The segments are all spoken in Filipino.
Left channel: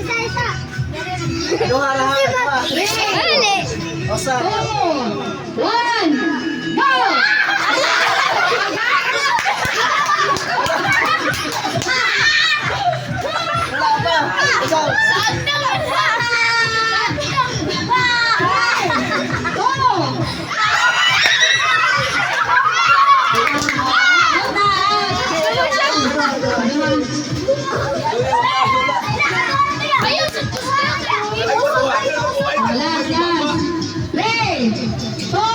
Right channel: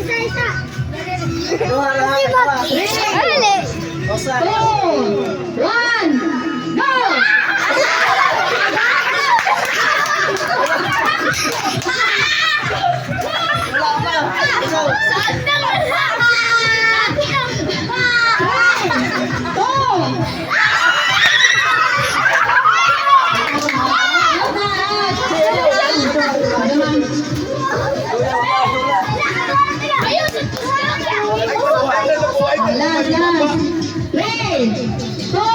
Isa. Duha lahat. Ali. Osa. 2, 1, go! Last. 3, 2,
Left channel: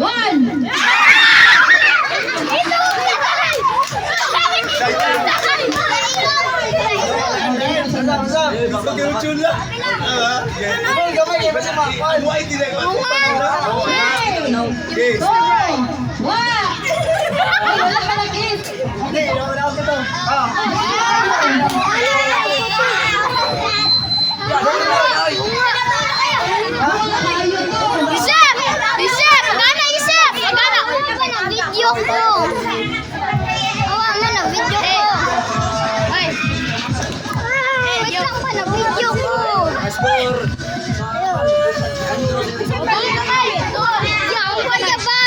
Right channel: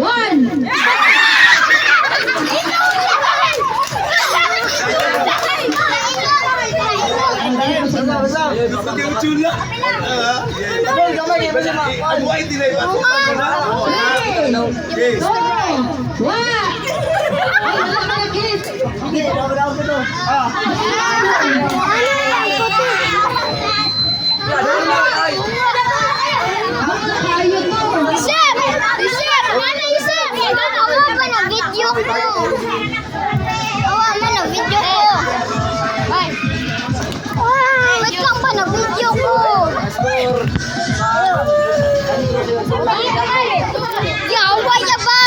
One. Video ko. Awa mo na video ko. Ay. Wait lang ba na video ko? Yawa niya ba?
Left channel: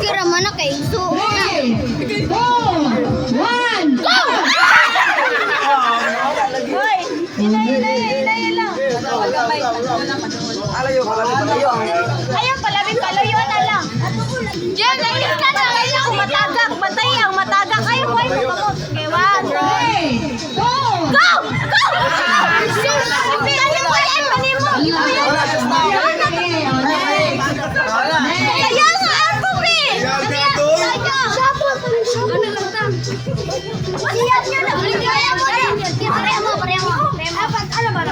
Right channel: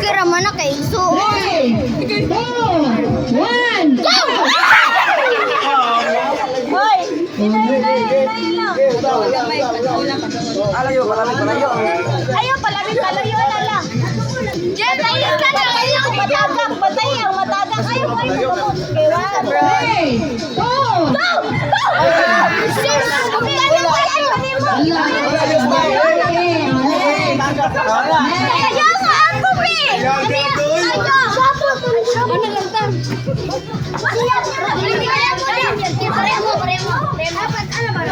Kira mana kay Igsoon. 3, 2, 1, go! Hoy, ilay lang. Alayo, palayo. Ayaw, palayo na lang. Diyan, tayo ka na. Matagak. Ayaw, boy. Kewan. 3, 2, Go! Sus! Kumihan yung kayan. Ayaw mo, ako, eh. Sapot. Ano ganda? Siap niya na. Pareho mo. Apat, ano ba?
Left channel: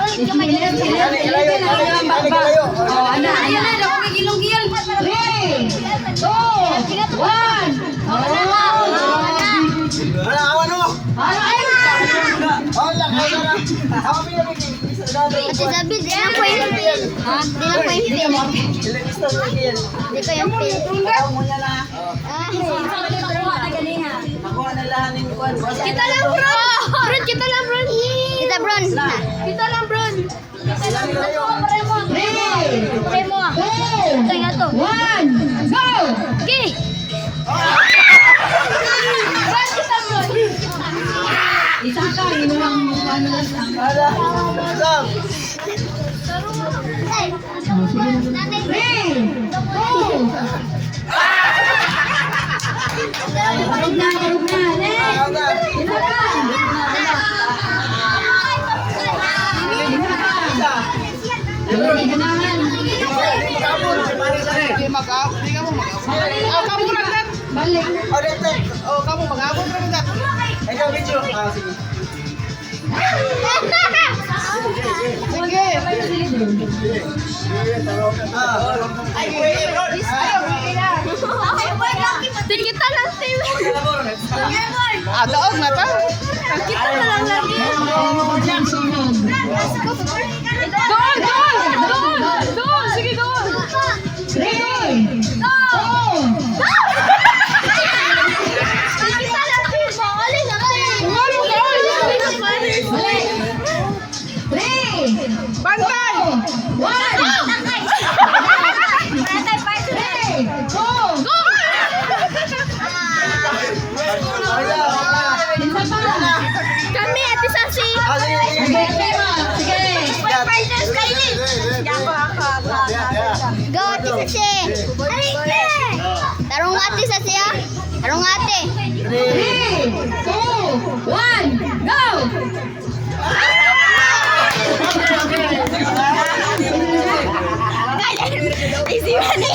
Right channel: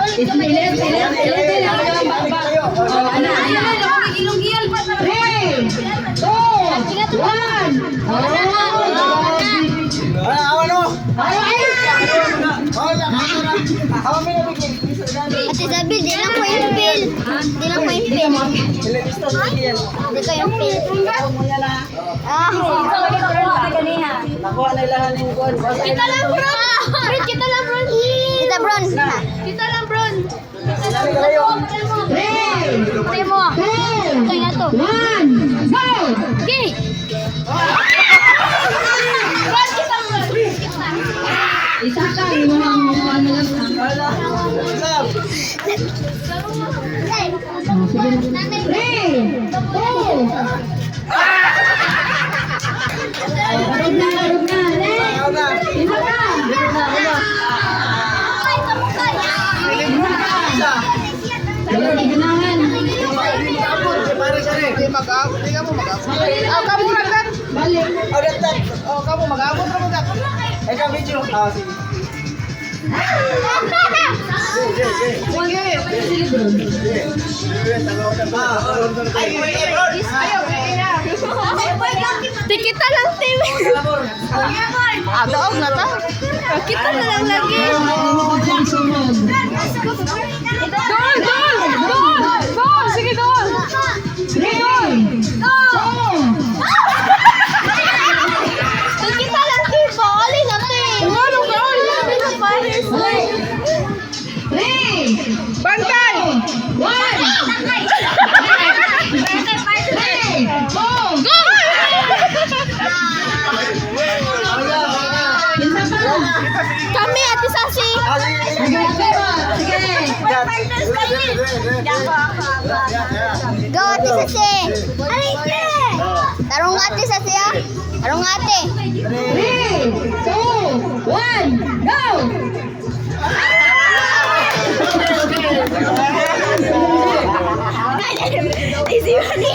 Ate Zabil, di lang ko yung pil. Di ko yung pil. Kita lang, bro. Kita lang, bro. Pare mo. Ito nga to. 1, go! Okay. Bron, kita, bro. Isa ka, inuwang mo ano lang. 3, 2, Karug na. Kamu mag-abot ra mo dat. Ay ka video. Sige. Kita lang, Tim. Daog na ta. Kita na lang lagi. Doon! Sige, doon! 3, 2, Bantay! One! Takay! Ete, partner! Go! Go! Isa pa! Kami, Ate Sasi! Sige, sige! Partners kayo! Go, Ate Sasi! Aray ka! Tarong Ate Sasi, ah! Tarong Ate! 3, 2, 1, go! Easy money!